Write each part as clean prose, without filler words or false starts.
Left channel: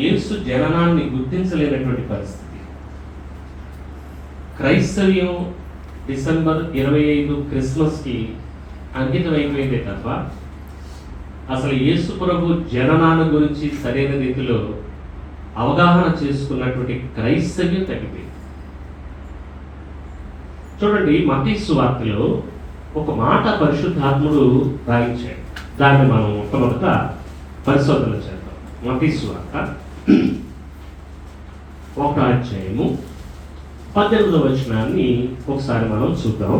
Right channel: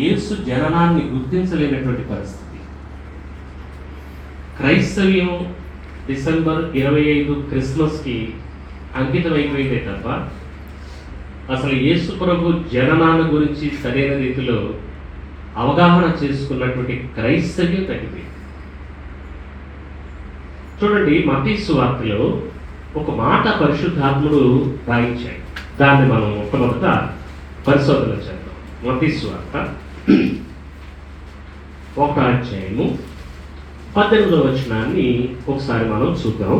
యేసు జననాన్ని గుర్తించలేనటువంటి పరిస్థితి. క్రైస్తవ్యం డిసెంబర్ 25 క్రిస్మస్కి అంకితం అయిపోయిందే తప్ప అసలు యేసు ప్రభు జననాన్ని గురించి సరైన రీతిలో అవగాహన చేసుకున్నటువంటి క్రైస్తవ్యం తగ్గిపోయింది. చూడండి, మత్తయి సువార్తలో ఒక మాట పరిశుద్ధాత్ముడు రాయించాడు. దాన్ని మనం మొట్టమొదట పరిశోధన చేద్దాం. మత్తయి సువార్త 1వ అధ్యాయము 18వ వచనాన్ని ఒకసారి మనం చూద్దాం.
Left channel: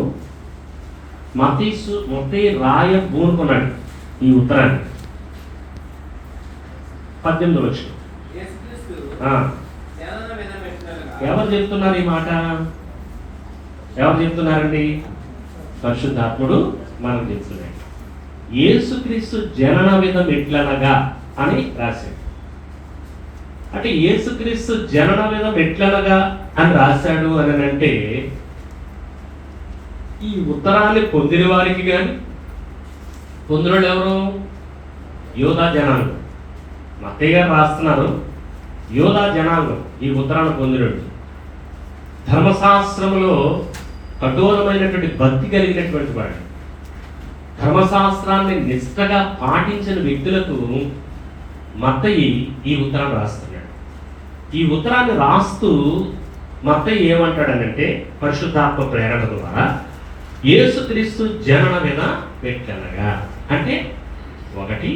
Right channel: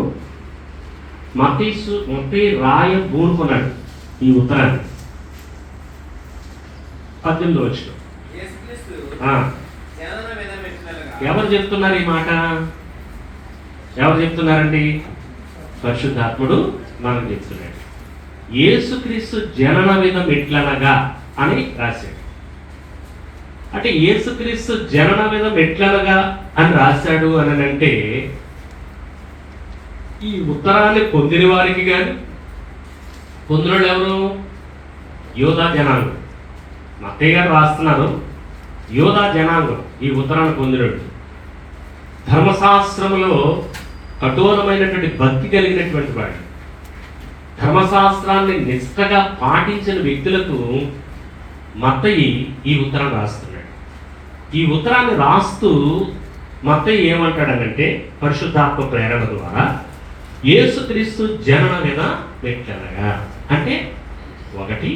మత్తయి రాయబూనుకున్నాడు ఈ ఉత్తరాన్ని. 18వ వచనం. ఎవరు చెప్తున్నారు ఈ మాట? ఎవరు చెప్తున్నారండి? పరిశుద్ధాత్ముడు మనకు చెప్తున్నాడు. యేసుక్రీస్తు జనన విధం ఎట్లనగా అని రాశాడు. అంటే యేసుక్రీస్తు జనన విధం ఎట్లనగా అని రాశాడు అని అంటే ఈ ఉత్తరాన్ని పొందిన వారికి కానీ, పొందిన ఎవరు? యోధా జనాంగం. మత్తయి గారు రాస్తున్నారు, యోధా జనాంగం ఈ ఉత్తరాన్ని పొందినడు. ధర్మశాస్త్రంలో కఠోరమైనటువంటి భక్తి కలిగినటువంటి వాడు, ధర్మశాస్త్రాన్ని నిష్ఠగా పాటించిన వ్యక్తులకు మత్తయి ఈ ఉత్తరం రాస్తున్నాడు. ఈ ఉత్తరాన్ని రాస్తూ మత్తయి ఏమంటాడనంటే, పరిశుద్ధాత్మ ప్రేరణ ద్వారా యేసుక్రీస్తు జనన మీద పెట్టనగా అంటే, ఒకటి,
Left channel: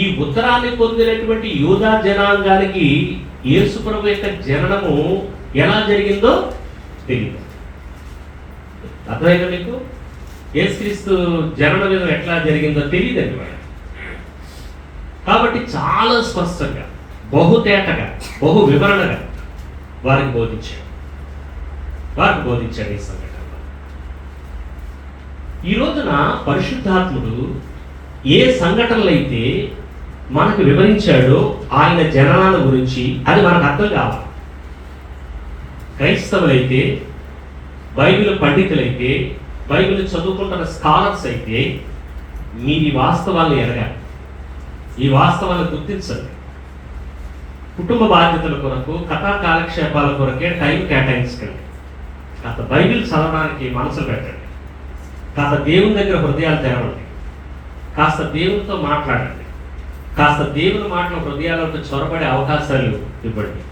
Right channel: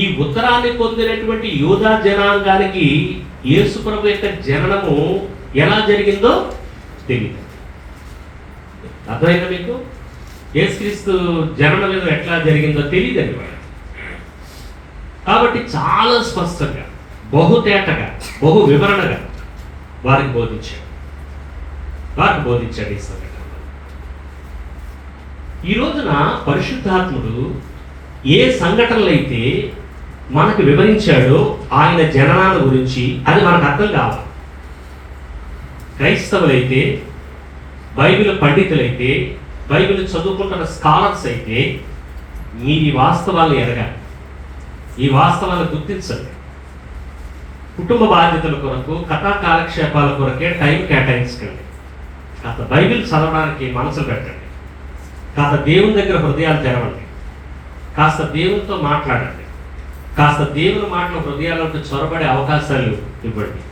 ఈ ఉత్తరాన్ని పొందినటువంటి యూదా జనాంగానికి యేసు ప్రభు యొక్క జననము ఎలా జరిగిందో తెలియదు. అర్థమైందా మీకు? యేసుక్రీస్తు జనన మీద ఎట్లా జరిగిందో తెలియదండి వాడు. కాబట్టి చాలా స్పష్టంగా, బహుతేటగా, బహు వివరణగా వారికి బోధించాడు ఈ సంఘటన. ఈ రోజున పరిశుద్ధాత్ముడు ఏ సంఘటనలు అయితే మనకు వివరించాడో ఆయన జననాల గురించి, అది మనకు అర్థం కావాలి. క్రైస్తవులైతే, బైబిల్ పండితులైతే, బైబిల్ చదువుకుంటున్న స్కాలర్స్ అయితే మీరు ఈ వాస్తవాలను ఎరగాలి, ఈ వాస్తవాలను గుర్తించండి. కుటుంబ బాధ్యతల కొరకు, కథా కాలక్షేపాల కొరకే టైం కేటాయించకండి. కాస్త బైబిల్ చదవడానికి మనసులు పెట్టండి, కాస్త దేవుని దగ్గర హృదయాలు తెరవండి, కాస్త దేవునితో మాట్లాడండి, కాస్త దేవుని మాటలు హృదయాలకు చొరబడే అవకాశాలు ఇవ్వండి.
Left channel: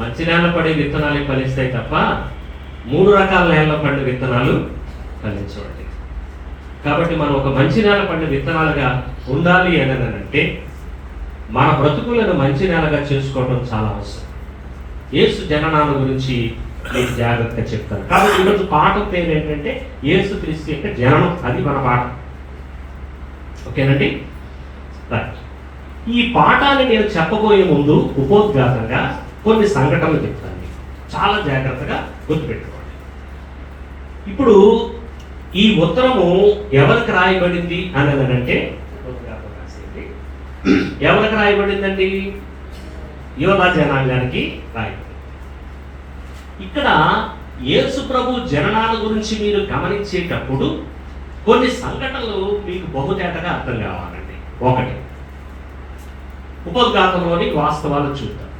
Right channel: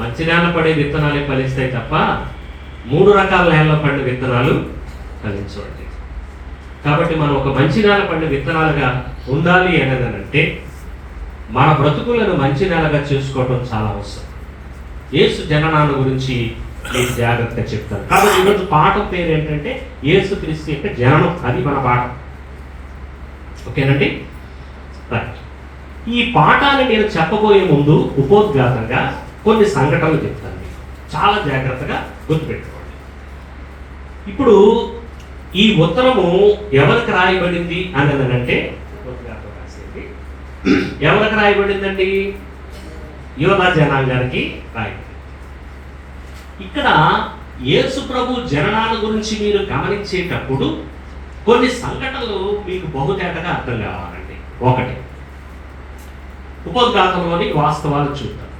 మంచి నేల పడే విత్తనాలు ఫలిస్తాయి తప్ప 3 రకాల నేలలో పడిన విత్తనాలు ఫలించవండి. కాబట్టి మనం ఒక మంచి నేల పడిన విత్తనాలుగా ఉండాలి అంటే మన బ్రతుకులను మంచి నేలగా చేసుకోవడం చాలా అవసరం. యేసు జననాల గురించి నేను జాగ్రత్తగా చెప్తాను. కాబట్టి ఈరోజు పాఠం పేరు ఏంటంటే యేసుక్రీస్తు యొక్క జననం. అది మన పాఠం. ఓకేనండి? రైట్. ఈ పాఠాన్ని నేను చెప్పబోయే ముందు ఉపోద్ఘాతంగా కొన్ని సంఘటనలు చెప్తాను. చాలా జాగ్రత్తగా గుర్తుపెట్టుకోండి. ఇప్పుడు ఈ ఉత్తరము ఎవరికి రాయబడింది అని అంటే, ఎవరికి రాయబడిందండి? యోధా జనాంగానికి రాయబడింది. ఇక్కడ యేసు ప్రభు జననాల గురించి మీరు గమనించేటప్పుడు కొన్ని సంఘటనలు మీకు బహుతేటగా అర్థం కావాలండి. ఒకటి, ఉపోద్ఘాతంలోని వాస్తవాలు చూద్దాం.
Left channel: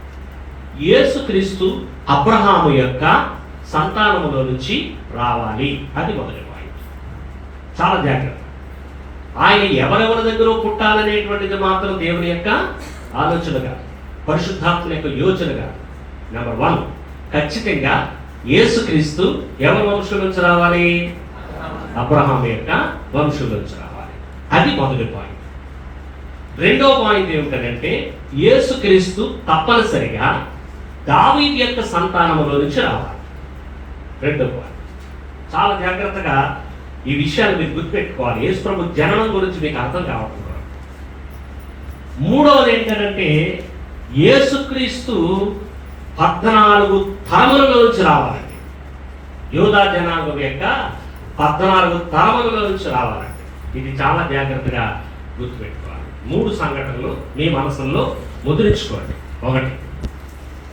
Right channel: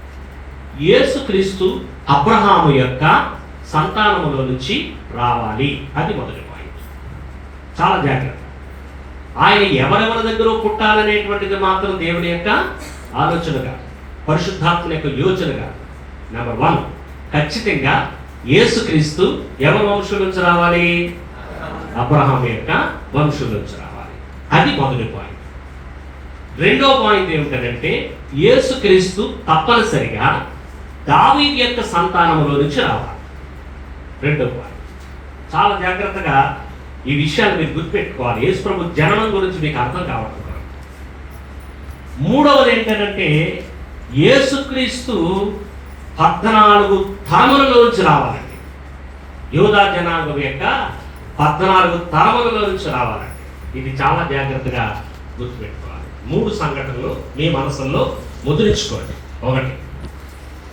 యేసుక్రీస్తు అబ్రహాము యొక్క సంతానములో నుంచి రావాలి, అది మొదటి పాయింట్. చాలా జాగ్రత్త. ఆయన ఎవరెవరి దగ్గర పుట్టాలనేటువంటిది మాత్రం దేవుని యొక్క ఆలోచనగా, పరిశుద్ధాత్మ యొక్క యోచనగా. నెంబర్ 1, ఖచ్చితంగా యేసుక్రీస్తు ఎవరి వంశం నుంచి రావాలి? అబ్రహాము యొక్క వంశం నుంచి రావాలి, అది మొదటి పాయింట్. రెండో పాయింట్ ఏమిటంటే యేసుక్రీస్తు తప్పనిసరిగా దావీదు యొక్క సంతానములో నుంచి రావాలి, రెండో పాయింట్. చాలా జాగ్రత్తగా ఈ విషయాలు మీరు గుర్తుపెట్టుకోవాలి. యేసు ప్రభు జననం గురించి మీకు అర్థం కావాలి. మూడవది ఏంటంటే యేసుక్రీస్తు 14 తరములలో నుంచి రావాలండి. యూదా జనాంగం యొక్క 14 తరములలో నుంచి రావాలండి. ఇది చాలా జాగ్రత్తగా గుర్తుపెట్టుకోవాలి. 3 సంఘటనలు మీ మనసులో ముద్రించుకోండి. ఒకటి,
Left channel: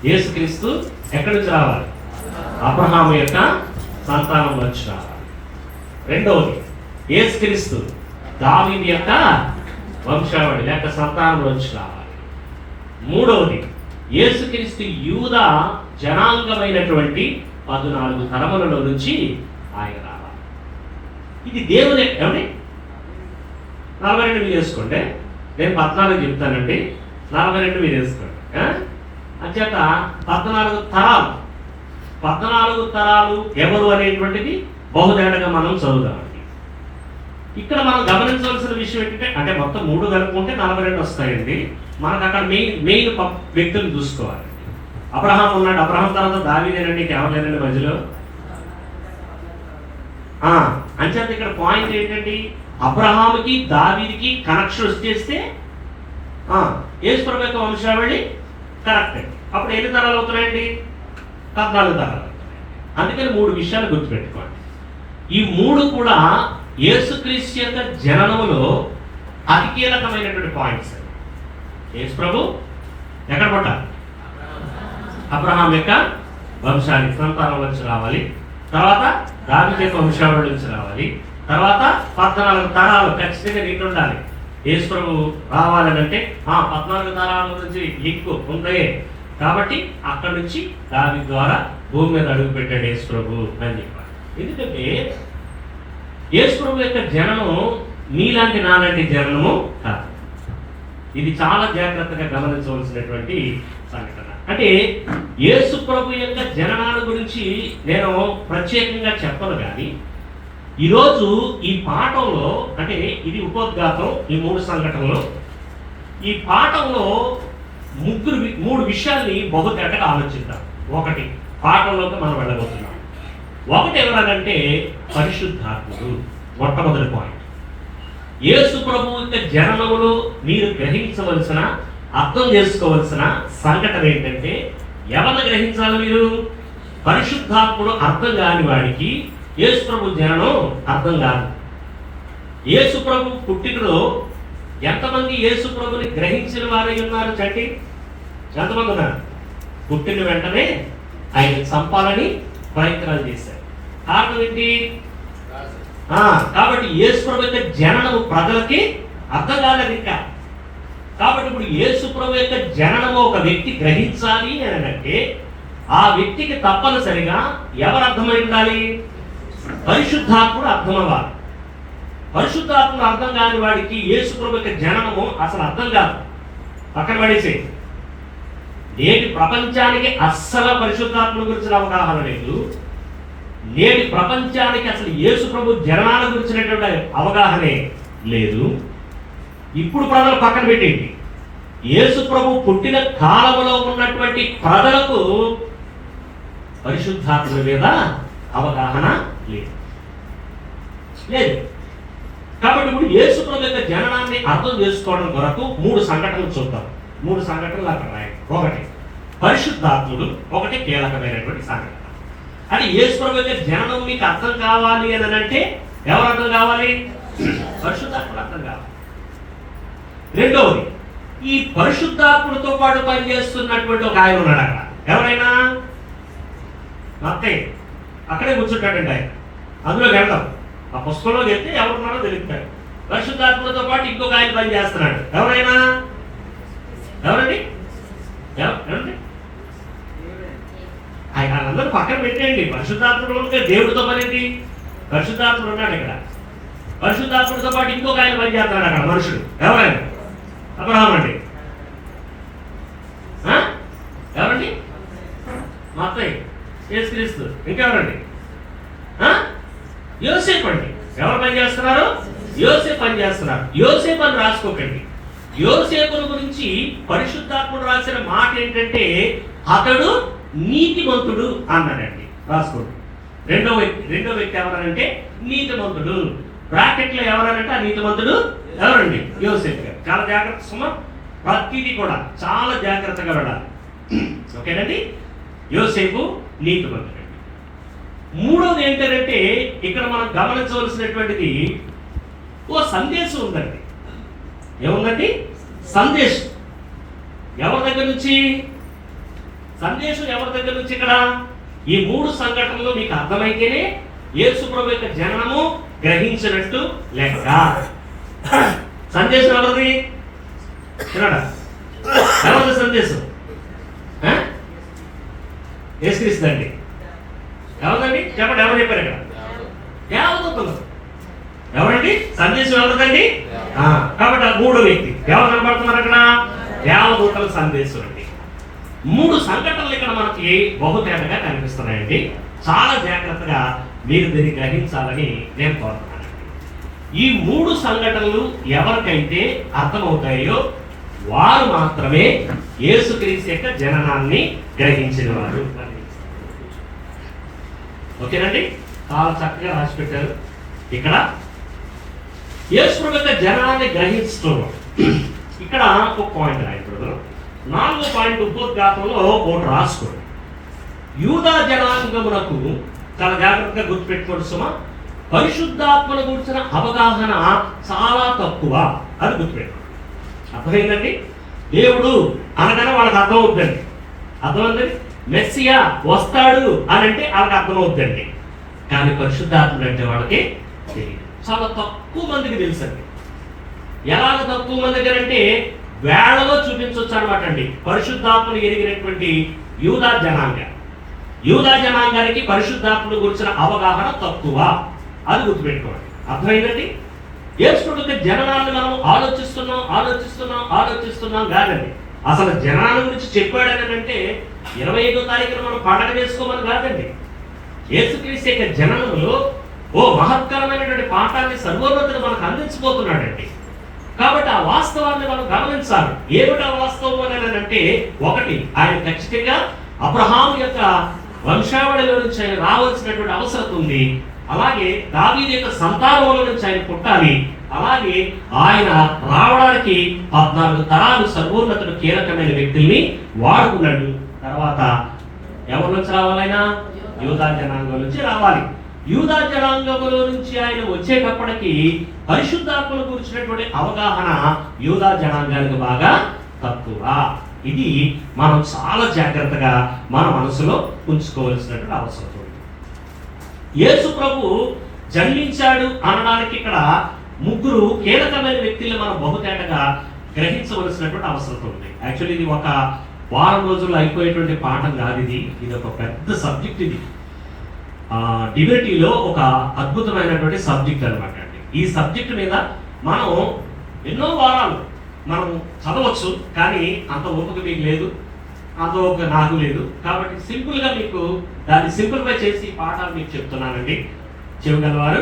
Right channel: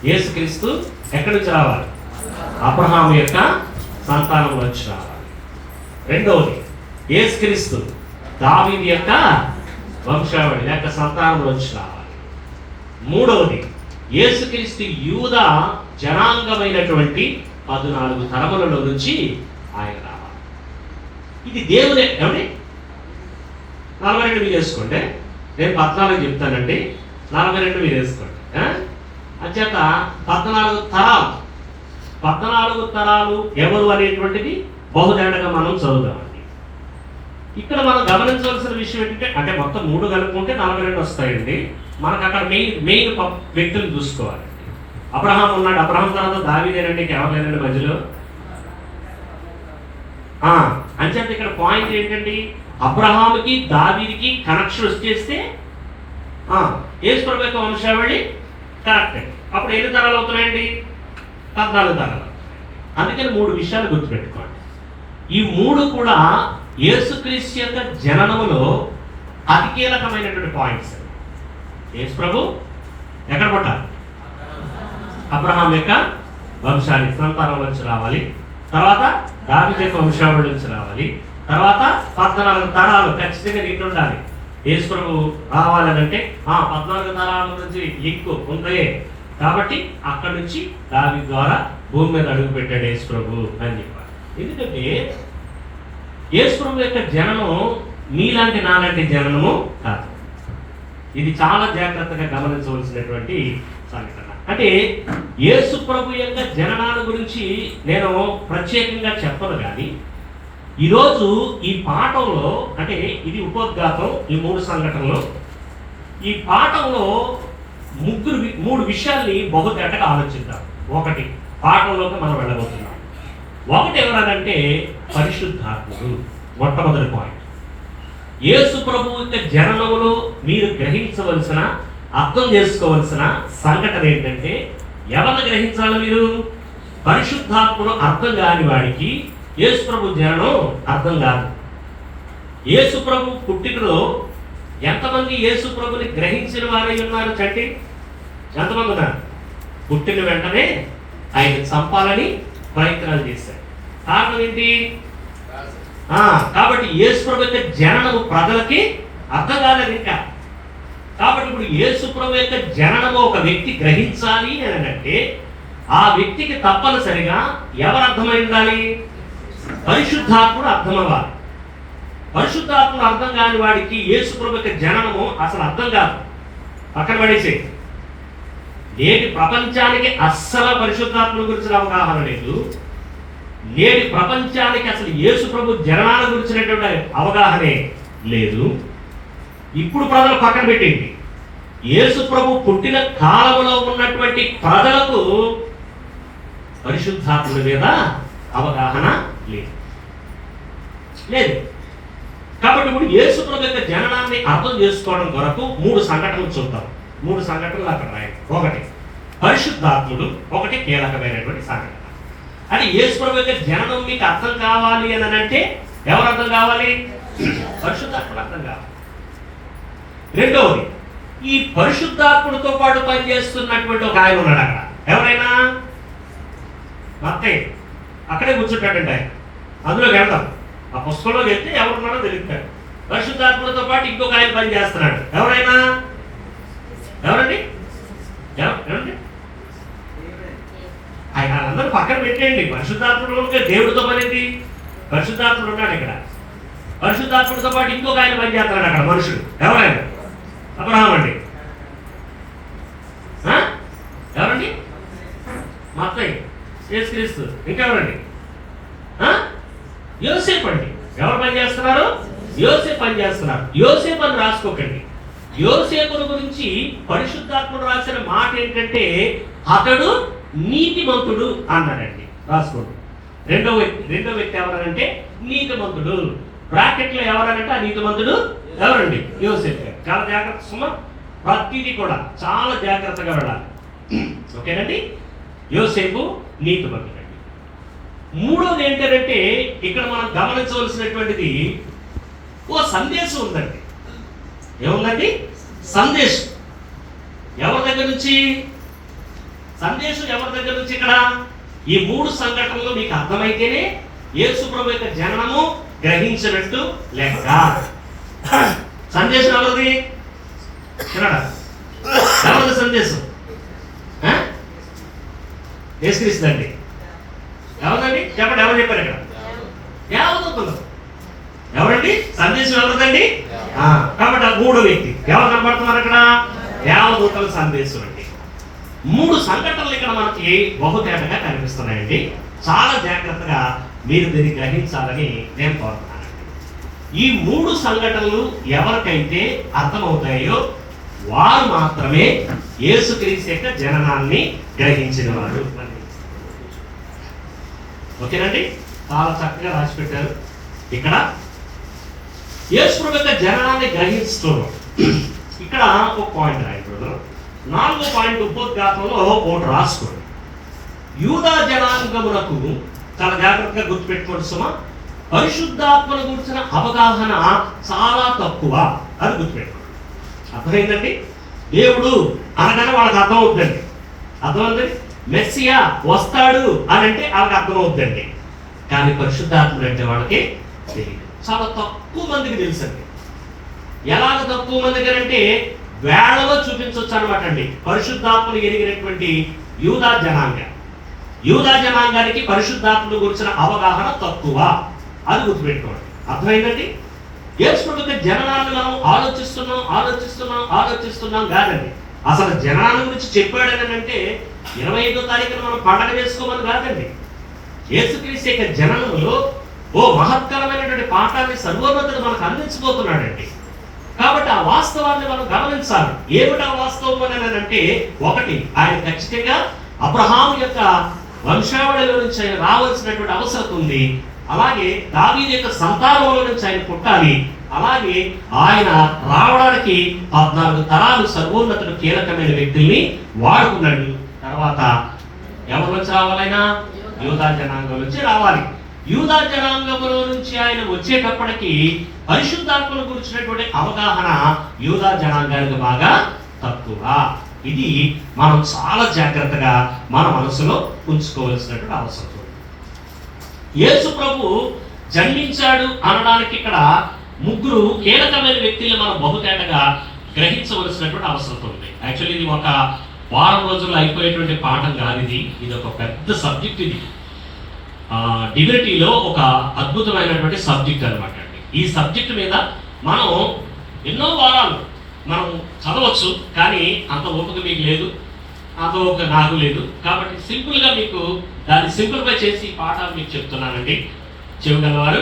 యేసుక్రీస్తు ఎక్కడి నుంచి రావాలి? అబ్రహాము యొక్క సంతానం నుంచి రావాలి. రెండవది, యేసుక్రీస్తు దావీదు యొక్క వంశావళి లేక సంతానం నుంచి రావాలి. మూడవది, యేసుక్రీస్తు యూదా జనాంగమైనటువంటి 14 తరములలో నుంచి ఆయన రావాలి. ఇది దేవుడే. ఏమండి 42 మీరు చేసుకోండి, నేను 14 చెప్తానండి, 42 మీరు వేసుకోండి. అంచేత 14 తరాలు ఎవరు అనేటువంటిది బహుదేటగా మనం చదువుదామండి. ఇక్కడ మనం గమనించవలసిన విషయం ఏంటంటే, అంటే మొత్తం 3 కలుపుకుంటే 42 వస్తాయండి. మనకు అక్కడ మెయిన్ వ్యక్తులు చూసుకోవాలి. అబ్రహాం ఉన్నాడు, అబ్రహాం తర్వాత దావీదేనండి, కేవలేనండి మధ్యలో. అంచేత ఇక్కడ పాయింట్ ఏంటండి, అబ్రహాముకి దావీదికి కనెక్షన్ వచ్చేస్తే యేసు ప్రభు యొక్క వంశావళి కరెక్టే. అప్పుడు ఎన్ని తరాలు అవుతున్నాయండి? 14 తరాలు. అందుకని 3 విషయాలు గుర్తుపెట్టుకోండి. ఈ 3 కూడా యేసుక్రీస్తు యొక్క జననములో అతి కీలకమైనటువంటి పాయింట్స్. యేసు ప్రభు ఎక్కడ పుట్టాలి? అబ్రహాం యొక్క వంశానికి సంతానం నుంచి రావాలి, తర్వాత దావీదు యొక్క వంశావళి నుంచి రావాలి, తర్వాత 14 తరాలు ఖచ్చితంగా లింక్ ఉండాలి. యేసు ప్రభు రావాలనంటే 14 తరాల నుంచి లింక్ ఉందే. కాబట్టి అక్కడ నుంచి దావీదు ద్వారా భూమి మీద అడుగు పెట్టాడు యేసు ప్రభు అని చెప్పారు. ఎందుకంటే యేసు ప్రభు యొక్క జననం నీలాంటి నాలాంటి జననము కాదు. ఇది చాలా జాగ్రత్తగా గమనించవలసినటువంటి సంఘటన. అంటే యేసు ప్రభు యొక్క జననాల గురించి నేను ప్రత్యేకంగా చెప్పను, కానీ ఈరోజు ఈ పాఠంలో, అంటే ఇది ఉపోద్ఘాతం, ఈ 3 సంఘటనలు, ఈ పాఠంలో 3 విషయాల్ని బహుతేటగా ఆలోచిద్దాం. ఒకటి, పాఠంలోకి మనం వెళ్ళబోతున్నాం. ఒకటి ఎవరనంటే పరిశుద్ధాత్ముడు. మొట్టమొదటి పాయింట్, యేసు ప్రభు యొక్క జననములో మీరు గ్రహించవలసిన, అర్థం చేసుకోవలసిన సంఘటన ఏంటంటే, ఎవరిని గ్రహించాలి మీరు? పరిశుద్ధాత్ముడు అర్థం కాని వాడికి యేసు ప్రభు జననం అర్థం కాదు. యేసు ప్రభు పుట్టినలో ఎంతమంది యేసు ప్రభుని గ్రహించిన వారై ఉన్నారు? చండి, ఎంతమంది ఉన్నారు? పుట్టిన వెంటనే ఆయన చంపాలని ప్రయత్నాలు చేశారు. కారణం ఏంటి? కాబట్టి యేసు ప్రభు యొక్క జననము ప్రజలకి అర్థం కాలేదు ఇంకా. కాబట్టి ఇప్పుడు యేసు ప్రభు యొక్క జననము ఒక వ్యక్తి గ్రహించాలి అని అంటే, ఆ వ్యక్తికి తప్పనిసరిగా ఎవరు అర్థమై ఉండాలి? పరిశుద్ధాత్ముడు అర్థం అవ్వాలి. పరిశుద్ధాత్ముడు అర్థం కాని వాడికి యేసు ప్రభు యొక్క జననము అసలు అర్థం కాదు. అక్కడ పడేసే నేటి ప్రపంచానికి అస్సలు పరిశుద్ధాత్ముల గురించిన అవగాహన లేదు. నేటి ప్రపంచానికి అసలు యేసు ప్రభు జననాల గురించినటువంటి అవగాహనే లేదు. ఇప్పుడు ప్రజలు పక్కన పెట్టింది, యేసు ప్రభు పుట్టిన కాలంలో ఉన్నటువంటి ప్రజలకు పరిశుద్ధాత్ముల మీద అవగాహన లేదు. కాబట్టి ఇప్పుడు యేసు ప్రభు యొక్క జననాన్ని అర్థం చేసుకోవడం కొరకు 3 సంఘటనలు చూద్దాం. 3 సంఘటనలు అక్కడ రాయండి. ఒకటి పరిశుద్ధాత్ముడు, ఒకటి కీలకమైనటువంటి సంఘటన. అది యేసు ప్రభు యొక్క జననం మీకు అర్థం కావాలి అని అంటే ఎవరు అర్థం కావాలి? పరిశుద్ధాత్ముడు అర్థం కావాలి. రెండవది, ఈ పరిశుద్ధాత్ముడితో పాటు పనిచేస్తున్నటువంటి ఒక ఆయన ఉన్నాడు అక్కడ. ఎవరైనా? అత్తయ్య అక్కడే కూర్చుంటాడండి ఆయన. అందులోకి వెళ్దాం. ఆ పుస్తకంలో చెప్తే ఎవరున్నారో తెలుపుతాడు. పరిశుద్ధాత్మతో పాటు ఇంకొక ఆయన పని చేస్తున్నాడు. ఎవరైనా? ఎవరండి? ఎవరండి? ఆయన అందరూ పక్కన పెట్టేయండి. పరిశుద్ధాత్మలో దేవుడితో పనిది. పరిశుద్ధాత్ముడు ఉన్నాడు ఇక్కడ. పరిశుద్ధాత్ముడితో పాటు ఇంకొక ఆయన పని చేస్తున్నాడు అక్కడ మనుషుడు. ఎవరైనా? అబ్రహాం అండి. ఎవరండి? మత్తయి, యేసుక్రీస్తు. ఇంకెవరండి? యోసేపు అండి. ఎవరు పని చేస్తున్నారు? యోసేపు పని చేస్తున్నారు. యోసేపు అని రాసుకోకండి. యోసేపుల గురించి పరిశుద్ధాత్ముడు రాసిన మాట ఏంటంటే, అతడు నీతిమంతుడు అన్నాడండి. రాసుకోండి. రెండో వ్యక్తి ఎవరంటే నీతిమంతుడు. బ్రాకెట్లో ఎవరంటే ఆ నీతిమంతుడు ఎవరండి? యోసేపు గారు. చాలా జాగ్రత్త సుమ, ప్రతిదీ కూడా చాలా జాగ్రత్తగా వెళ్ళాలి. ఓకేనండి? యోసేపు నీతిమంతుడు. మూడోది ఏంటంటే, ఇక్కడ మనం గమనించవలసినటువంటిది ఓ సందేశం ఉందండి. ఏముందండి? సందేశం. ఎవరి దగ్గర నుంచి? సందేశం ఎవరి దగ్గర నుంచి? ఇక్కడ ఈ 3 సంఘటనలు మీకు అర్థమైతేనే యేసు ప్రభు యొక్క జననము గ్రహించినట్టు లెక్క. సందేశం ఎవరిది? ఎవరి సందేశం? యేసుక్రీస్తుదండి. ఎవరిదండి చెప్పండి, ఎవరు చెప్పారు ఇక్కడ? దేవదూతలు. ఎవరండి సందేశం? ఎవరిదండి? కాబట్టి ఆ మూడో వ్యక్తి ఎవరు కనబడుతున్నారు అక్కడ? దేవదూతల సందేశం అండి. 3 సంఘటనలు ఇక్కడ మనకి బహుతేటగా కనిపిస్తున్నాయండి. చాలా జాగ్రత్తగా మీరు దీన్ని గ్రహించాలని నేను కోరుతున్నాను. ఈ 3 సంఘటనలు ఎవరికైతే అర్థమవుతాయో వారు మాత్రమే యేసుక్రీస్తు యొక్క జననాన్ని గ్రహించిన వారు. ఓకేనండి, చాలా చక్కగా రాసి పెట్టారు. ఇక్కడ యేసు యొక్క జననాన్ని గ్రహిస్తున్నాం. ఇక్కడ ఒక పాయింట్ రాయకూడదు. 4వ పాయింట్ ఉపోద్ఘాతంలో ఒకటి రాసుకోండి. యూదా జనాంగమునకు, చాలా జాగ్రత్తగా గుర్తుపెట్టుకోండి సుమా, పరిశుద్ధాత్మను గురించిన అవగాహన చాలా తక్కువ అని గుర్తుపెట్టుకోండి. అర్థమైందండి? దేవుడు అనగానే వాళ్ళకి అర్థం అవుతుందండి. అర్థమైంది? మెస్సియా వస్తాడు అని అంటే వాళ్ళకి అర్థం అవుతుందండి. కానీ పరిశుద్ధాత్ముడు అంటే వాళ్ళకి తెలియదు. చాలా తక్కువ మందికి తెలుసండి. ఎలాగ తక్కువ మంది దగ్గర అంటే వేళలో చూపించవచ్చు అనమాట అండి. పరిశుద్ధాత్మను ఎరిగినటువంటి యూదా జనాంగానికి పరిశుద్ధాత్మను గురించిన అవగాహన తక్కువ. అది గుర్తుపెట్టుకోండి. అర్థమైందండి? యేసు యొక్క జననాన్ని మనం ఆలోచిస్తున్నాం కాదండి. అసలు జనాన్ని గురించి చెప్పాడని అంటే 25వ తారీఖున మనం పండగ చేసుకోమని కాదండి. యేసుక్రీస్తు యొక్క జననంలో ఓ మహత్కరమైనటువంటి పాఠాన్ని సర్వోన్నతుడు మనకు అందించబోతున్నాడండి. కాబట్టి ఆ వాస్తవాన్ని మనం గమనించాలి. ఏమిటి ఆ వాస్తవం అని అంటే, ఒకటి, ఆయన ఖచ్చితంగా అబ్రహాము యొక్క వంశావళిలో నుంచి ఆయన రావాల్సినటువంటి అవసరం ఉంది. అలాగే దావీదు యొక్క సంతానంలో నుంచి ఆయన పుట్టాలి. అలాగే ఆయన రావడానికి 14 తరాలు సర్వోన్నతుడు కీలకమైన వ్యక్తుల్ని వాడుకున్నాడు. తర్వాత ఎవరి నుంచి రావాలైనా యూదా జనాంగం నుంచి రావాలి. యూదా జనాంగంలో నుంచి ఆయన వచ్చేటప్పటికి పరిశుద్ధాత్మను గురించినటువంటి అవగాహన యూదా జనాంగానికి బాగా తక్కువ. ఇది మనం చాలా జాగ్రత్తగా మన మనసులో ఉంచుకోవాల్సినటువంటి అవసరం ఉంది. యేసు ప్రభు జన్మించాడు అనడానికి ఇక్కడ 3 కీలకమైన వ్యక్తులు మనం బహుతేటగా గ్రహించవలసినటువంటి అవసరం ఉంది. యాక్చువల్లీ ఇది ఒక వారం రోజుల్లో అయిపోయేటువంటి పాఠం కాదు. ఇది ఒక పెద్ద సబ్జెక్ట్. ఇది డివినిటీలో ఒక అద్భుతమైనటువంటి సబ్జెక్ట్ అనమాట అండి. ఈ సబ్జెక్ట్ మీద మనం ఎన్నో వారాలు మనం చదవచ్చు, కానీ అంత ఓపిక మీకు లేదు, అంత ఓపిక నాకు లేదు. కాబట్టి సింపుల్గా మీకు దాన్ని సింప్లిఫై చేసి పాఠాలు మీకు చెప్తున్నానండి. చెవిగలవారు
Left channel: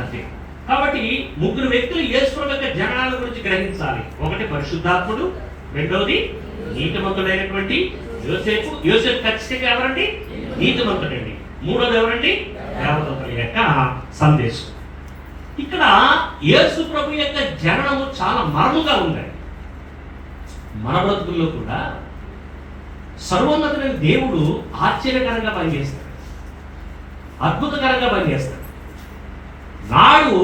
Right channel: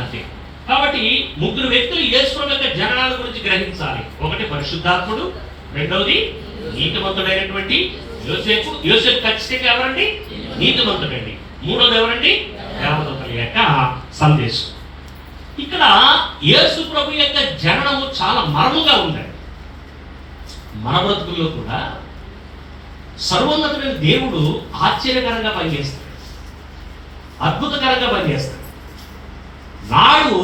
అంతే. కాబట్టి 3 వ్యక్తులు యేసు యొక్క జననాల గురించి గ్రహించాలి. ఒకటి పరిశుద్ధాత్ముడు, రెండవది నీతిమంతుడైనటువంటి యోసేపు ఖచ్చితంగా ఎవరండి? నీతిమంతుడండి. మూడోది ఎవరండి? దేవదూతల యొక్క సందేశం. ఇక్కడ యేసు ప్రభు యొక్క జననము చాలా మర్మగా ఉందండి. మన బ్రతుకుల్లో కూడా సర్వోన్నతుడైన దేవుడు ఆశ్చర్యకరంగా పనిచేస్తాడు, అద్భుతకరంగా పనిచేస్తాడు. నాడు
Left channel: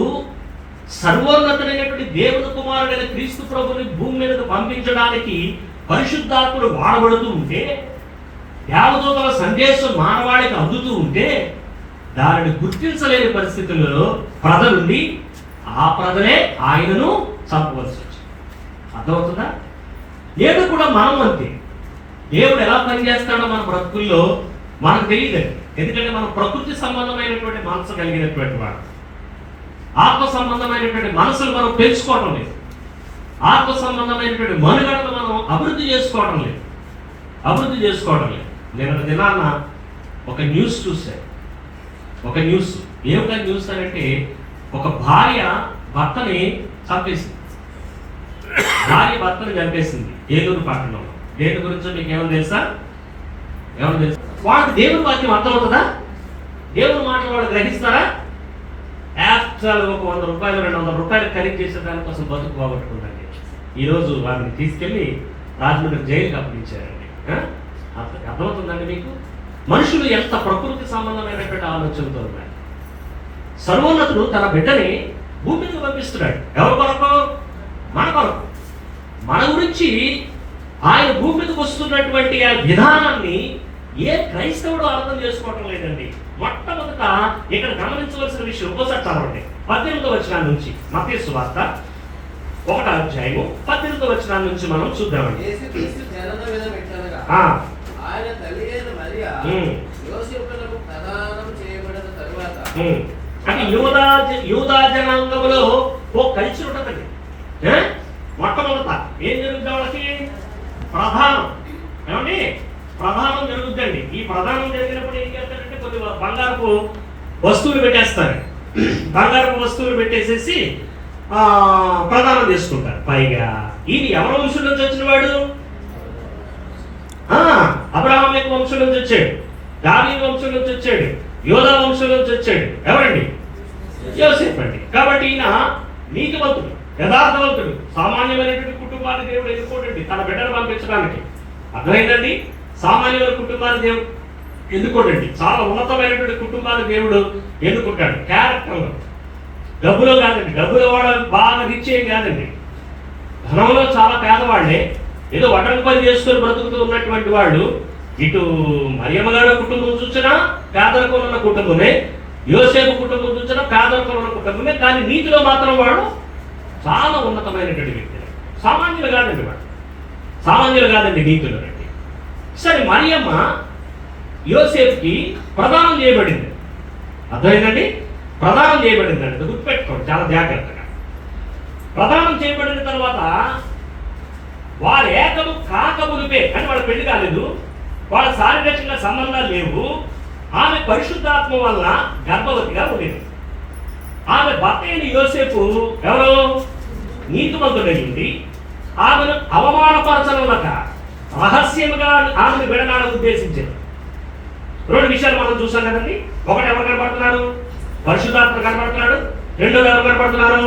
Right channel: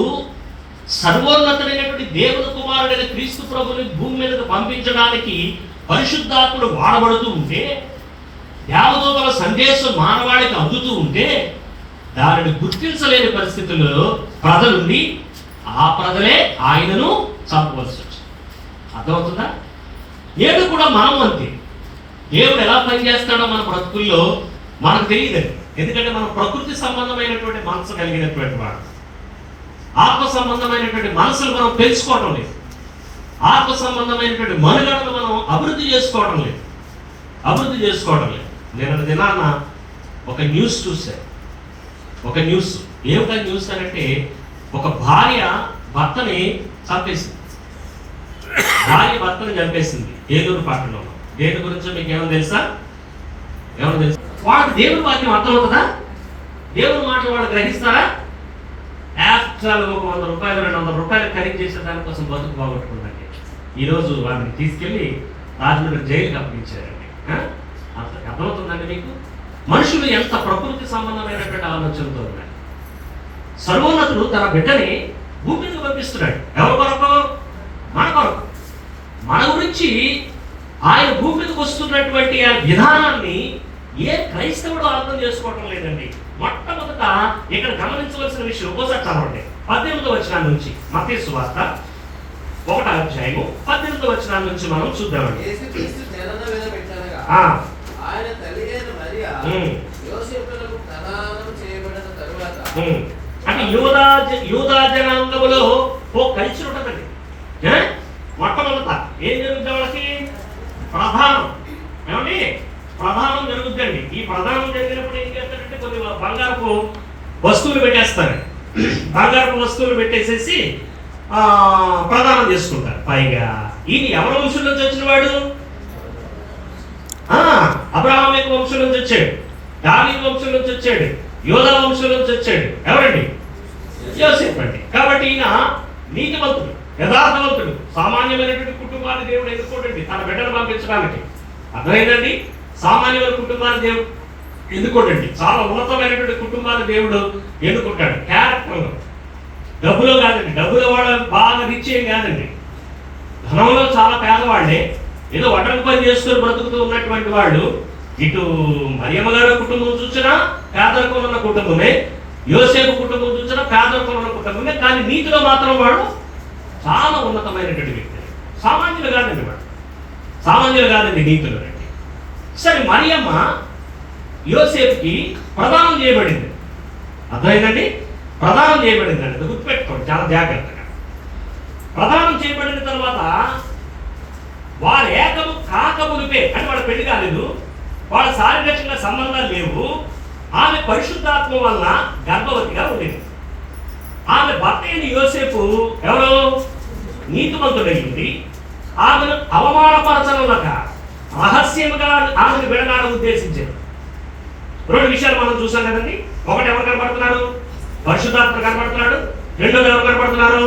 సర్వోన్నతుడైనటువంటి దేవుని కుమారుడైన క్రీస్తు ప్రభుని భూమి మీదకు పంపించడానికి పరిశుద్ధాత్ముడు వాడబడుతూ ఉంటే, దేవదూతల సందేశం మానవాళికి అందుతూ ఉంటే, దానిని గుర్తించలేని పరిస్థితుల్లో ప్రజలుండి ఆ ప్రజలే ఆయనను చంపవలసి వచ్చింది. అర్థమవుతుందా? నేడు కూడా మనం అంతే. దేవుడు ఎలా పనిచేస్తాడో మన బ్రతుకుల్లో మనకు తెలియదు. ఎందుకంటే మనం ప్రకృతి సంబంధమైనటువంటి మనసు కలిగినటువంటి వాడు. ఆత్మ సంబంధమైనటువంటి మనసులు మనం పెంచుకోవటం లేదు. ఆత్మ సంబంధమైనటువంటి మనుగడను మనం అభివృద్ధి చేసుకోవటం లేదు. నేను దినాన ఒక న్యూస్ చూశాను. ఏమిటా న్యూస్ అంటే, ఒక భార్య భర్తని చంపేసింది. ఏలూరు పట్టణంలో. దేని గురించో మీకు ఏమో తెలుసా? వాడు దేవుని వాక్యం అర్థం అవుతుందా? దేవుని మాటలు వాడు గ్రహిస్తారా? యాక్చువల్ ఒక 100 రూపాయలు 200 రూపాయలు ఖరీదు చేసే దానికోసం బతుకు పోగొట్టుకుందండి. ఈరోజు వారిని తీసుకెళ్లి రాజమండ్రి జైలుకి అప్పగించారండి. అర్థమవుతుందండి మీకు? మనుషులు ఎంత ప్రకృతి సంబంధమైనటువంటి ఆలోచనతో ఉన్నారు. సర్వోన్నతుడు తన బిడ్డని భూమికి పంపిస్తున్నాడు. ఎవరి కొరకు? మన కొరకు. మన గురించి ఆయన భూమి మీదకి వస్తున్నటువంటి ఆ విధానాన్ని ఏ క్రైస్తవుడు అర్థం చేసుకోవటం లేదండి. మొట్టమొదట ఇక్కడ గమనించవలసిన విషయం ఒకసారి చదవండి. 18వ వచనం నుంచి మత్తయి సువార్త 1వ అధ్యాయము 18వ వచనం నుంచి మనం చూద్దామండి. యేసుక్రీస్తు జనన మీద పెట్టనగా ఆయన తల్లి అయిన మరియా యోసేపునకు ప్రదానం చేయబడిన తరువాత, అంటే యూదా జనాంగంలో ఓ కల్చర్ ఉంటుందండి. మొట్టమొదట ఏం జరుగుతుంది? వాళ్ళకి ప్రధానం, ఏమండి ప్రధానం జరుగుతుందండి. ఈ ప్రధానం జరిగినప్పుడు ఏం చేస్తారంటే కొన్ని బంగారపు వస్తువులు పెట్టేస్తారు. బంగారపు వస్తువులు పెట్టేసేసి ప్రదానం చేసుకుంటారు. పైగా ఇది ఎవరి వంశం నుంచి వచ్చిన వాడు? అబ్రహాం యొక్క వంశం నుంచి వచ్చాడు, దావీదు వంశం నుంచి వచ్చాడు, యోధా వంశం నుంచి వచ్చాడు. ఎవరండి? యోసేపు అండి. కాబట్టి ఈయన నీతివంతుడు, యథార్థవంతుడు, సామాన్యమైనటువంటి కుటుంబాన్ని దేవుడు ఎన్నుకోడండి తన బిడ్డను పంపించడానికి. అర్థమైందండి? సామాన్యమైన కుటుంబాన్ని దేవుడు ఎన్నుకోడండి, చాలా ఉన్నతమైనటువంటి కుటుంబాన్ని దేవుడు ఎన్నుకుంటాడు. క్యారెక్టర్ డబ్బులో కాదండి, డబ్బులో వాడు బాగా రిచ్ ఏం కాదండి, ధనంలో చాలా పేదవాళ్లే, ఏదో వడ్రంగి పని చేసుకొని బ్రతుకుతూ ఉన్నటువంటి వాడు. ఇటు మరియమ్మ గారి కుటుంబం చూసినా పేదరికం ఉన్న కుటుంబమే, యోసేపు కుటుంబం చూసినా పేదరికం ఉన్న కుటుంబమే. కానీ నీతిలో మాత్రం వాడు చాలా ఉన్నతమైనటువంటి వ్యక్తి. సామాన్యులు కాదండి, వాడు సామాన్యులు కాదండి, నీతిలో రండి. సరే, మరియమ్మ యోసేపుకి ప్రదానం చేయబడింది. అర్థమైందండి? ప్రదానం చేయబడిందండి, గుర్తుపెట్టుకోండి చాలా జాగ్రత్తగా. ప్రదానం చేయబడిన తర్వాత వారు ఏకము కాకమునిపే, అని వాడు పెళ్లి కాలేదు, వాళ్ళ శారీరకంగా సంబంధాలు లేవు. ఆమె పరిశుద్ధాత్మ వలన గర్భవతిగా ఉండేది. ఆమె భర్త అయిన యోసేపు ఎవరు? నీతిమంతుడైంది. ఆమెను అవమానపరచనులక రహస్యముగా ఆమెను విడనాలని ఉద్దేశించారు. 2 విషయాలు మనం చూసాం కదండి. ఒకటి, ఎవరు కనబడుతున్నారు? పరిశుద్ధాత్మ కనబడుతున్నాడు. రెండోది ఎవరు కనబడుతున్నారు?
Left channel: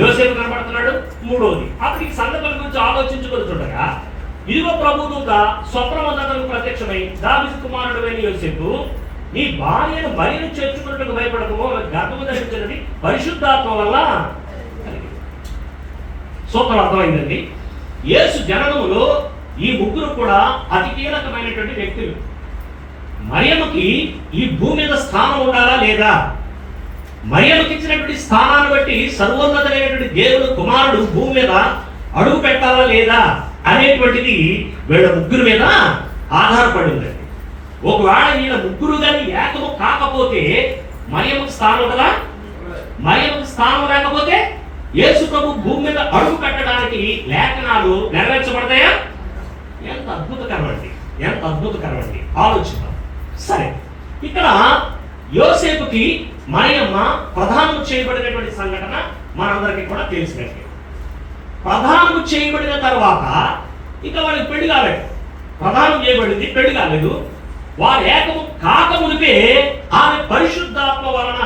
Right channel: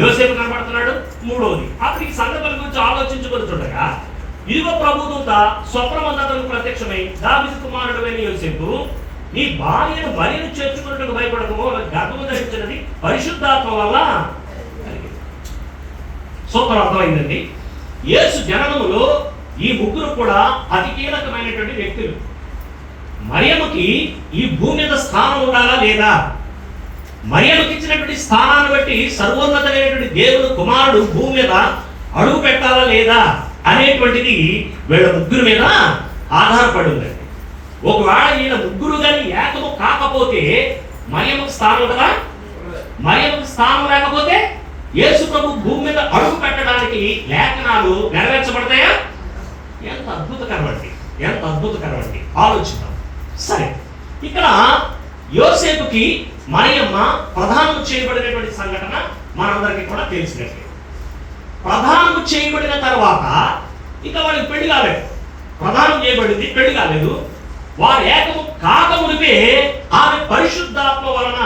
యోసేపు కనబడుతున్నాడు. మూడోది, అప్పుడు ఈ సంగతుల గురించి ఆలోచించుకొని చూడగా ఇదిగో ప్రభుదూత స్వప్నమందతను ప్రత్యక్షమై, దావీదు కుమారుడు అయిన యోసేపు, నీ భార్యను మరియను చేర్చుకున్నట్టు భయపడకము, గర్భము ధరించినది పరిశుద్ధాత్మ వల్ల. సూత్రం అర్థమైందండి. యేసు జననములో ఈ ముగ్గురు కూడా అతి కీలకమైనటువంటి వ్యక్తులు. మరియమ్మకి ఈ భూమి మీద స్థానం ఉండాలా లేదా? మరియమ్మకి ఇచ్చినటువంటి స్థానాన్ని బట్టి సర్వోన్నతమైనటువంటి దేవుడు కుమారుడు భూమి మీద అడుగు పెట్టాలా లేదా అనేటువంటిది వీళ్ళ ముగ్గురు మీద ఆధారపడి ఉందండి. ఒకవేళ ఈయన ముగ్గురు కానీ ఏకము కాకపోతే మరియమ్మకి స్థానం ఉంటుందా? మరియమ్మకి స్థానం లేకపోతే యేసు ప్రభు భూమి మీద అడుగు పెట్టడానికి లేఖనాలు నెరవేర్చబడతాయా? ఎంత అద్భుతకరమండి, ఎంత అద్భుతకరమండి, ఆలోచిద్దాం. సరే, ఇక్కడ యోసేపుకి మరియమ్మ ప్రధానం చేయబడినటువంటి సంఘటన మనందరికీ కూడా తెలిసినట్లే. ప్రధానం చేయబడిన తర్వాత ఇక వాడికి పెళ్లి కాలేదు. ప్రధానం చేయబడింది, పెళ్లి కాలేదు. వారు ఏకము కాకమునిపే ఆమె పరిశుద్ధాత్మ వలన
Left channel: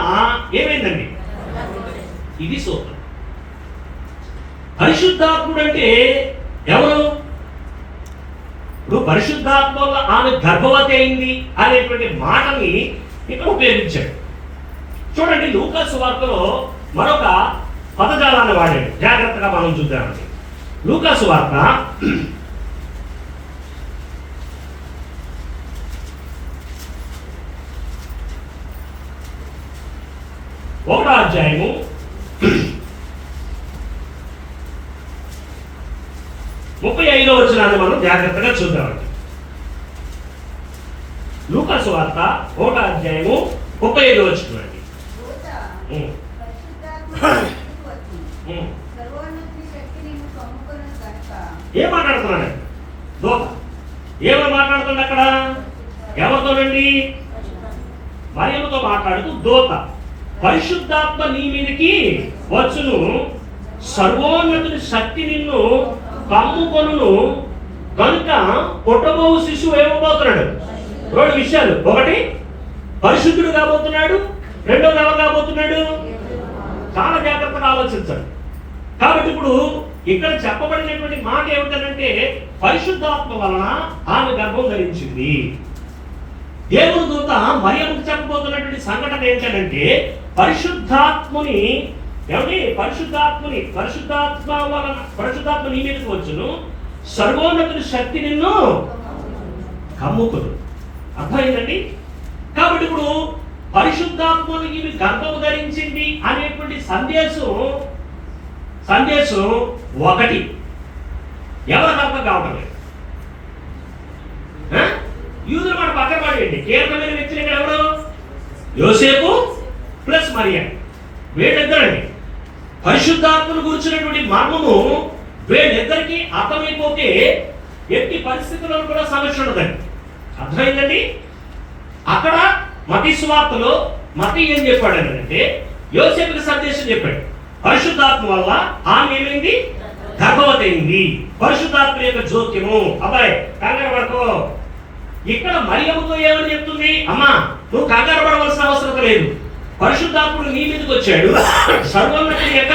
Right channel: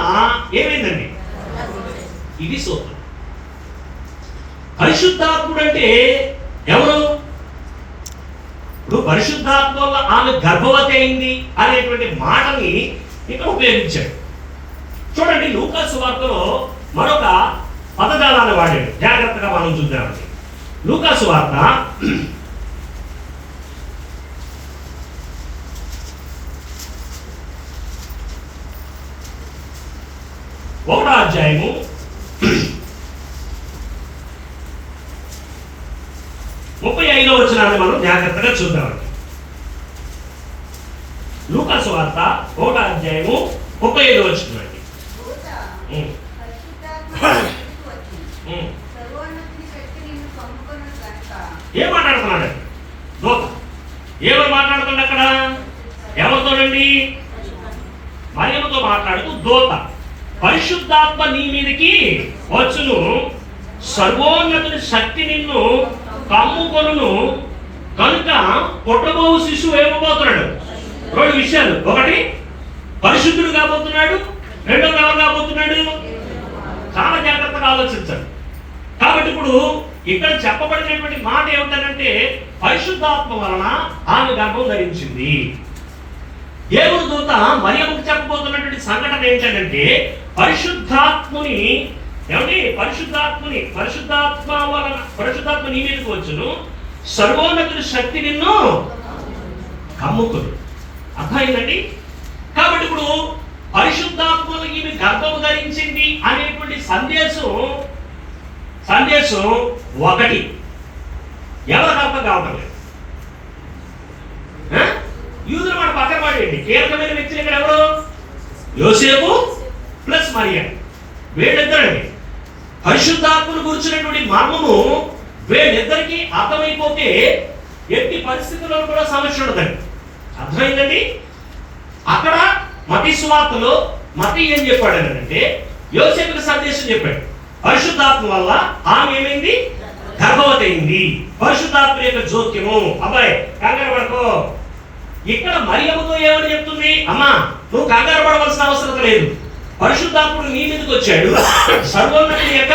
ఏమైందండి? ఇది సూత్రం. పరిశుద్ధాత్ముడు అంటే ఎవరు? ఇప్పుడు పరిశుద్ధాత్మ వల్ల ఆమె గర్భవతి అయింది అనేటువంటి మాటని ఇక్కడ ఉపయోగించాడు. చూడండి, లూకా సువార్తలో మరొక పదజాలాన్ని వాడాడు. జాగ్రత్తగా మనం చూద్దామండి. లూకా సువార్త 1వ అధ్యాయము 35వ వచనాన్ని మనం జాగ్రత్తగా చూద్దామండి. లూకా సువార్త 1వ అధ్యాయము 35వ వచనం అండి. ఏం మాట్లాడుతున్నాడు? దూత ఏమో మాట్లాడుతుంది అక్కడ? ఎవరితోనండి? మరియమ్మతో మాట్లాడుతూ దూత, పరిశుద్ధాత్మ నీ మీదకి వచ్చును, సర్వోన్నతుని శక్తి నిన్ను కమ్ముకొనును, కనుక పుట్టబో శిశువు ఏమబోతున్నాడు? 2 విషయాలు. ఒకటి, పరిశుద్ధుడు కాబోతున్నాడు. రెండోది, ఎవరు కాబోతున్నాడు? చాలా జాగ్రత్తగా ఆలోచించాలి. కాబట్టి ఇప్పుడు ఇక్కడ చెప్పబడినటువంటి మాట ఏమిటంటే, పరిశుద్ధాత్మ వలన ఆమె గర్భం ధరించింది. దేవుడు దూత మరియమ్మకు చెప్పబోతున్నటువంటి సంఘటన ఏంటంటే, పరిశుద్ధాత్మని ఏమండి? పరిశుద్ధాత్మ నీ మీదకి వచ్చును, సర్వోన్నతుని శక్తి నిన్ను కమ్ముకును. అర్థమైందండి? కాబట్టి ఇప్పుడు పరిశుద్ధాత్మను ఈమె గర్భము ధరించింది అనేటువంటి సందేశం సందేశం ఒకటి, ఎవరికి అర్థం కావడం లేదు. యూదులు మాట పక్కన పడేయండి, కీలకమైన వ్యక్తులు ఇక్కడ ఎవరు? యోసేపు ప్లస్ మరియా, వీళ్ళిద్దరండి. పరిశుద్ధాత్మను కూర్చున్నటువంటి మర్మము వీళ్ళిద్దరికి అర్థమైపోతే ఎట్టి పరిస్థితుల్లో కూడా సమస్య ఉండదండి. అర్థమైందండి? అక్కడ మతీ సువార్తలో మతీ ఏం చెప్పాడు అంటే, యోసేపుకి సందేశం చెప్పాడు. పరిశుద్ధాత్మ వల్ల ఆమె ఏమైంది? గర్భవతి అయింది. పరిశుద్ధాత్మ యొక్క జోక్యము. అబ్బాయి కంగారు పడుకో. ఇక్కడ మరియమ్మతో ఏమని చెప్తుంది? అమ్మా, నువ్వు కంగారు పడవలసిన అవసరం లేదు. పరిశుద్ధాత్ముడు నీ మీదకి వచ్చాడు, సర్వోన్నతుని యొక్క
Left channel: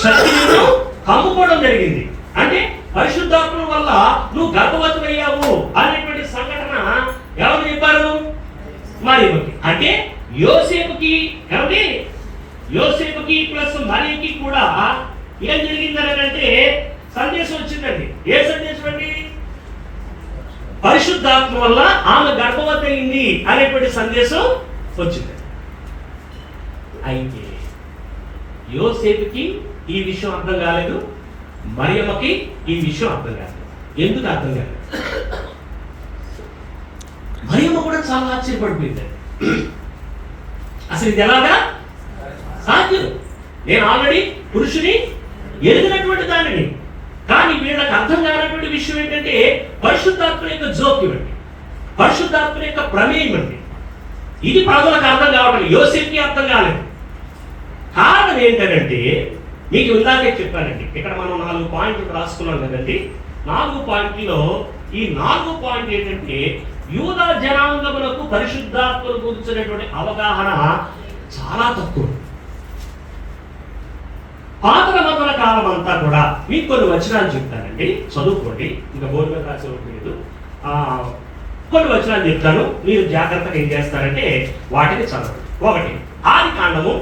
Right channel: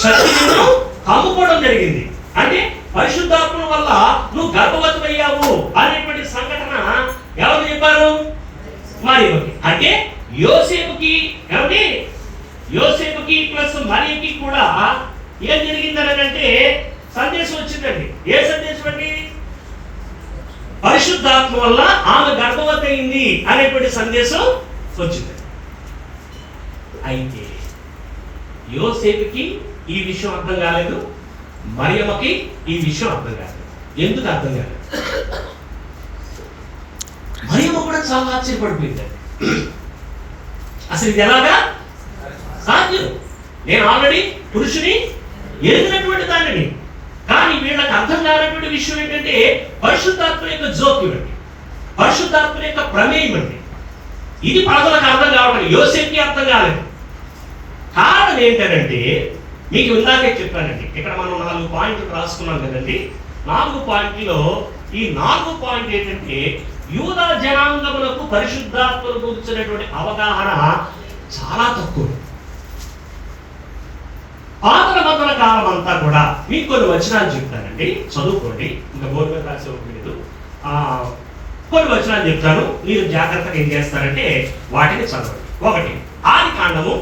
శక్తి నిన్ను కమ్ముకోవడం జరిగింది. అంటే పరిశుద్ధాత్మ వల్ల నువ్వు గర్భవతి అయ్యావు అనేటువంటి సంఘటన ఎవరు చెప్పారు? మరియమ్మకి. అంటే యోసేపుకి ఏమండి, యోసేపుకి ప్లస్ మరియకి కూడా ఏం జరిగిందని అంటే సందేశం వచ్చిందండి. ఏ సందేశం అండి? పరిశుద్ధాత్మ వల్ల ఆమె గర్భవతి అయింది అనేటువంటి సందేశం వచ్చింది. అయితే యోసేపుకి ఈ విషయం అర్థం కాలేదు, మరియమ్మకి ఈ విషయం అర్థం కాలేదు. ఎందుకు అర్థం కాలేదు? మరియమ్మ కూడా చాలా ఆశ్చర్యపడిపోయింది. అసలు ఇది ఎలాగా సాధ్యం? నేను ఆల్రెడీ పురుషుని ఎరిగినటువంటి దానిని, కానీ వీళ్ళకి అర్థం కానటువంటి విషయం ఏంటంటే పరిశుద్ధాత్మ యొక్క జోక్యం అండి, పరిశుద్ధాత్మ యొక్క ప్రమేయం అండి. ఇది ప్రజలకు అర్థం కావడం, యోసేపుకి అర్థం కాలేదు. కారణం ఏంటంటే మీకు ఇందాకే చెప్పానండి, ఇక్కడ మనం 4 పాయింట్లు రాసుకున్నాం కదండి. 4 పాయింట్లో ఈ 4 పాయింట్ ఏంటంటే యూదా జనాంగములకు పరిశుద్ధాత్మను గురించినటువంటి అవగాహన చాలా తక్కువ. పాత నిబంధన కాలం అంతా కూడా మీకు కొన్ని వచనాలు చెప్తానండి, చదువుకోండి. ఇంకా బోర్డు మీద రాసేలేదు. కొన్ని వచనాలు చెప్తాను, మీరు జాగ్రత్తగా ఏం చేస్తారంటే వాటిని చదవండి. ఒకటి, ఆది కాండము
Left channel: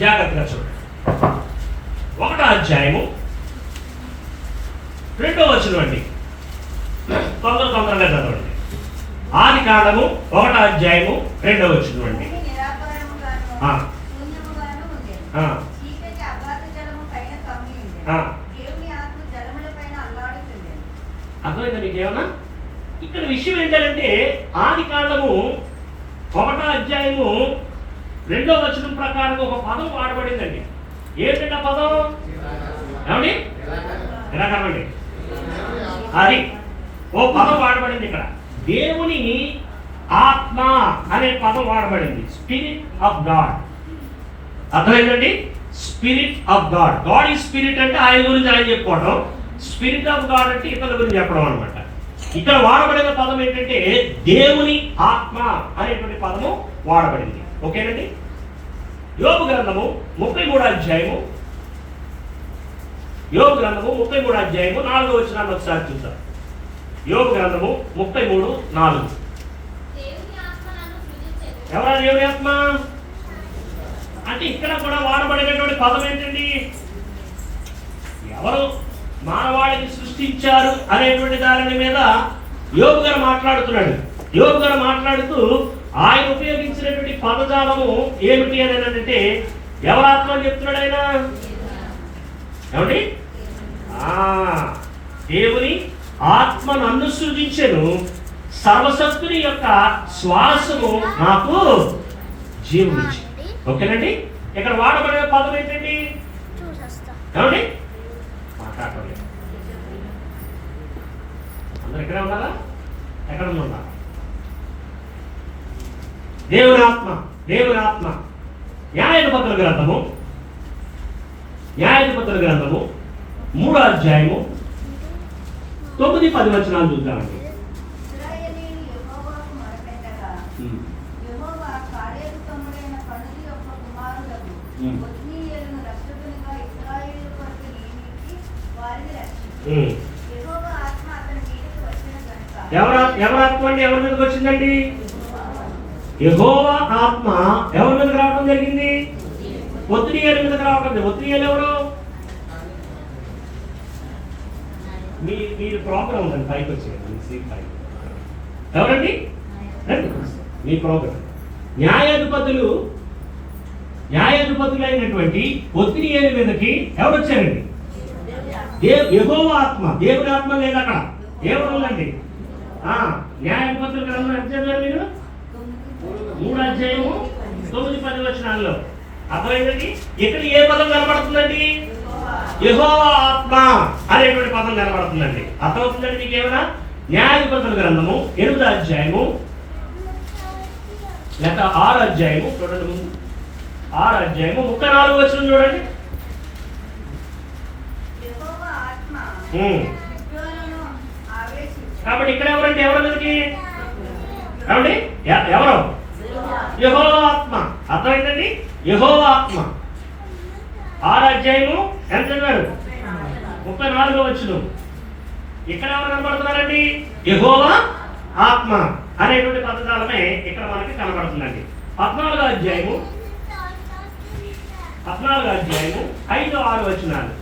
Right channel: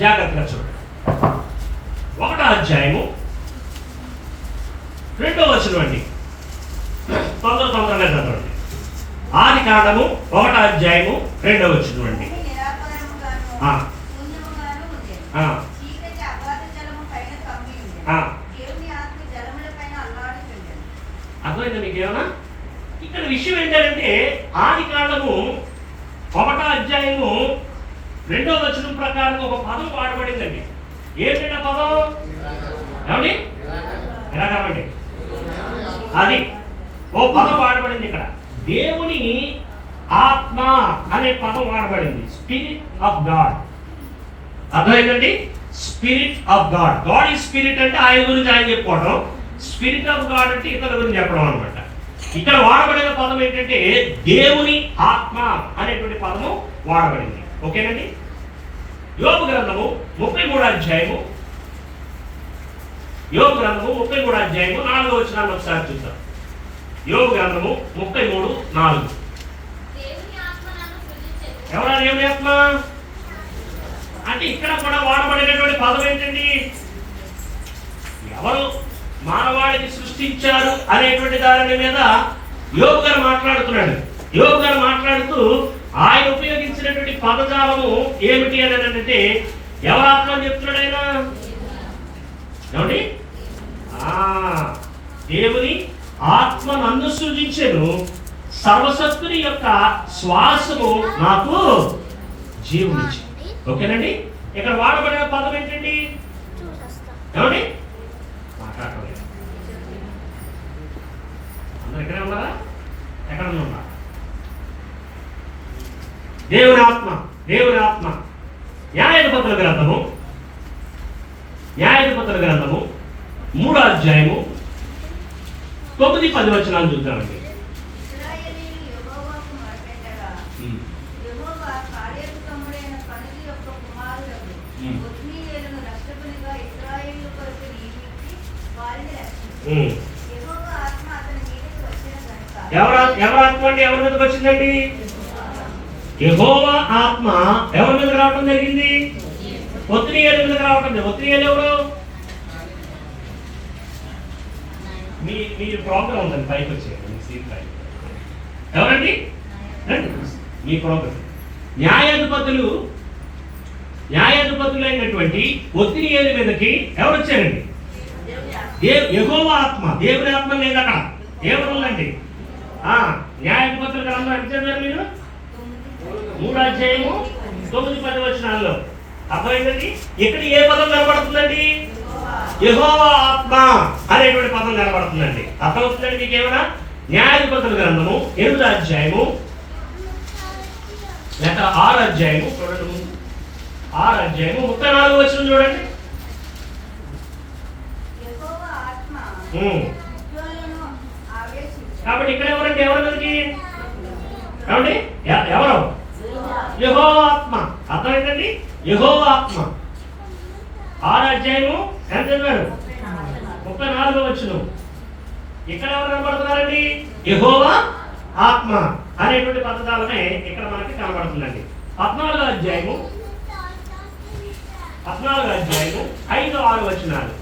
జాగ్రత్తగా చూడండి. 1వ అధ్యాయము 2వ వచనం అండి, తొందరగా చదవండి. ఆది కాండము 1వ అధ్యాయము 2వ వచనం అండి. అర్థమైందా మీకు ఏమన్నా? ఇక్కడ విషయం ఏంటంటే ఆది కాండము 1వ అధ్యాయము 2వ వచనం ప్రకారం ఒక పదం వాడబడిందండి. ఏంటంటే పదం ఏమండి? ఎలా కావండి? అది ఓ పదం వాడబడింది ఇక్కడ. దేవుని ఆత్మ అనే పదం వాడబడింది, స్పిరిట్ ఆఫ్ గాడ్. అర్థమైందండి? Spirit of God. గాడ్ ఈ స్పిరిట్ అంటే ఆయన గురించి ఆయన చెప్పుకోవడం, స్పిరిట్ ఆఫ్ గాడ్ అంటే ఇతరుల గురించి చెప్పడం అనమాట. ఇక్కడ వాడబడిన పదం ఏంటంటే దేవుని ఆత్మ అనేటువంటి పదము వాడబడింది. ఓకేనండి? యోబు గ్రంథము 33వ అధ్యాయము, యోబు గ్రంథము 33వ అధ్యాయము 4వ వచనాన్ని ఒకసారి చూద్దాం. యోబు గ్రంథము 33:4. ఎవరా దేవుని ఆత్మ అంటే ఇక్కడ కూడా వాడబడినటువంటి పదం ఏంటండి? ఎవరు మానవాళిని సృష్టించారు అనేటువంటి దాని మీద యోబు గారు మాట్లాడుతున్నాడు. యోబు గారు మాట్లాడుతూ ఆయన ఉపయోగించినటువంటి పదజాలము ఏమిటి అని అంటే ఎవరు ఆత్మ అని చెప్తున్నాడు ఆయన? ఏమండి? దేవుని ఆత్మ నన్ను సృజించెను, సర్వశక్తుని యొక్క శ్వాసము నాకు జీవనిచ్చింది. ఓకేనండి? ఇక్కడ వాడబడిన పదం ఏంటండి? ఏమండి? మాట్లాడుకోండి. అందరు ఎక్కడ ఉన్నారా? ఎక్కడ ఉన్నా? దేవుని ఆత్మ, దేవుని ఆత్మ. న్యాయాధిపతుల గ్రంథము 3వ అధ్యాయము 9-10 వచనాలు చూద్దామండి. ఎవరి ఆత్మ అండి? ఎవరి మీదకి వచ్చిందండి? యెహోవా ఆత్మ ఎవరి మీదకి రావడం జరిగింది? ఒత్నియేలు మీదకి రావడం. ఒత్నియేలు ఎవరు? మీ ప్రాబ్లం ఉందండి, పైకి వచ్చేయండి. ఎవరండి? మీ ప్రాబ్లం. న్యాయాధిపతులు న్యాయాధిపతులైనటువంటి ఒత్తినియేలు మీదకి ఎవరు వచ్చారండి? యెహోవా ఆత్మ. దేవుని ఆత్మ లేదు అక్కడ, దేవుడు ఉందండి. న్యాయాధిపతుల గ్రంథం ఎంత చదివారు మీరు? 3వ అధ్యాయము 9-10 వచనాల్లో. అర్థమైందండి? ఇక్కడ ఏ పదం కనబడుతుందండి? యెహోవా ఆత్మ అనేటువంటి పదం కనబడుతుందండి. అర్థమవుతుందండి మీకు ఏమన్నా? న్యాయాధిపతుల గ్రంథము 8వ అధ్యాయము లేక 6వ అధ్యాయము చూడండి, 6వ అధ్యాయము 34వ వచనం చూడండి. కాబట్టి ఇక్కడ ఎవరంటే ఎవరు మీదకి? కాబట్టి ఎవరు? యెహోవా ఆత్మ. అర్థమైందండి? యెహోవా ఆత్మ. 6వ అధ్యాయము ఎంత చదివారు? 34వ వచనం. ఇక్కడ ఎవరు కనబడుతున్నారండి? యెహోవా ఆత్మ అనేటువంటి పదజాలమే ఇక్కడ మనకి కనబడుతుందండి. 14వ అధ్యాయము 5-6 వచనాలు.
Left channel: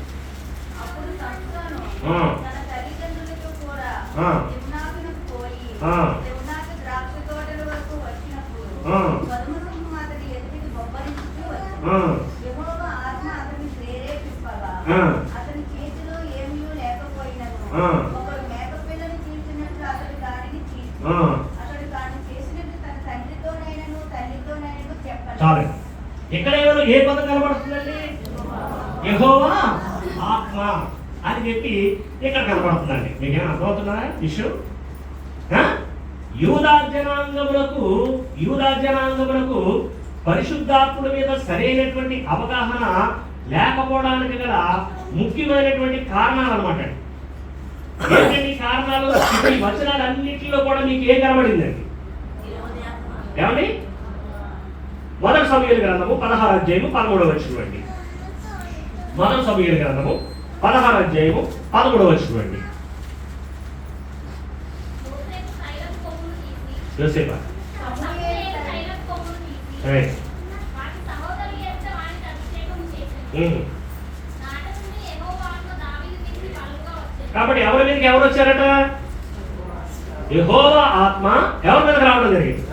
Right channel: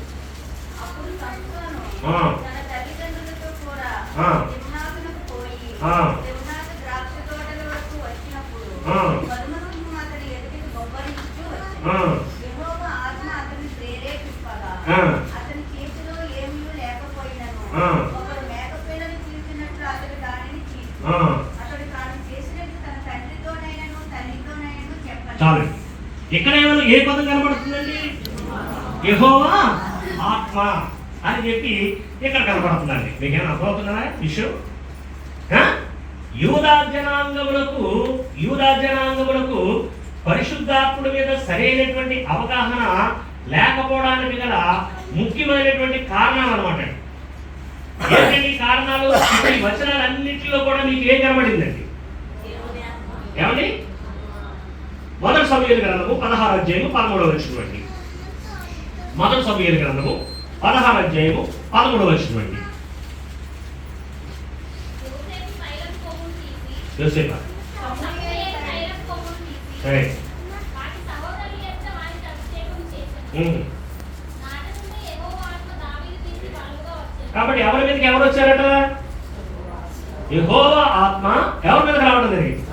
చాలు. ఇక్కడ ఏ పదం కనబడుతుందండి? యెహోవా ఆత్మ అని చెప్పి ఇక్కడ కనబడుతుందండి. మీకేమైనా అర్థమవుతుందా విషయం? యూదా జనాంగములకు పరిశుద్ధాత్ముడి మీద సరైనటువంటి అవగాహన లేకపోవడానికి గల ముఖ్యమైనటువంటి కారణాలు అన్నమాట. ఏంటంటే కారణాలు ఈ వచనాలన్నింటిలో కూడా మీకు ఏం కనబడిందండి? ఏమండి? 1 సమూయేలు గ్రంథము 16వ అధ్యాయము 13వ వచనం అండి. 1 సమూయేలు గ్రంథము 16వ అధ్యాయము 13వ వచనం అండి. యోసేపా కాబట్టి ఎవరి మీదకి ఎవరు వచ్చారట? యెహోవా ఆత్మ ఎవరి మీదకి రావడం జరిగింది.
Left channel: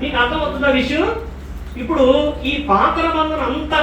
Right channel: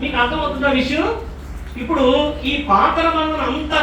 మీకు అర్థమవుతున్న విషయం? ఇప్పుడు ఈ పాత్ర బంధం అంతా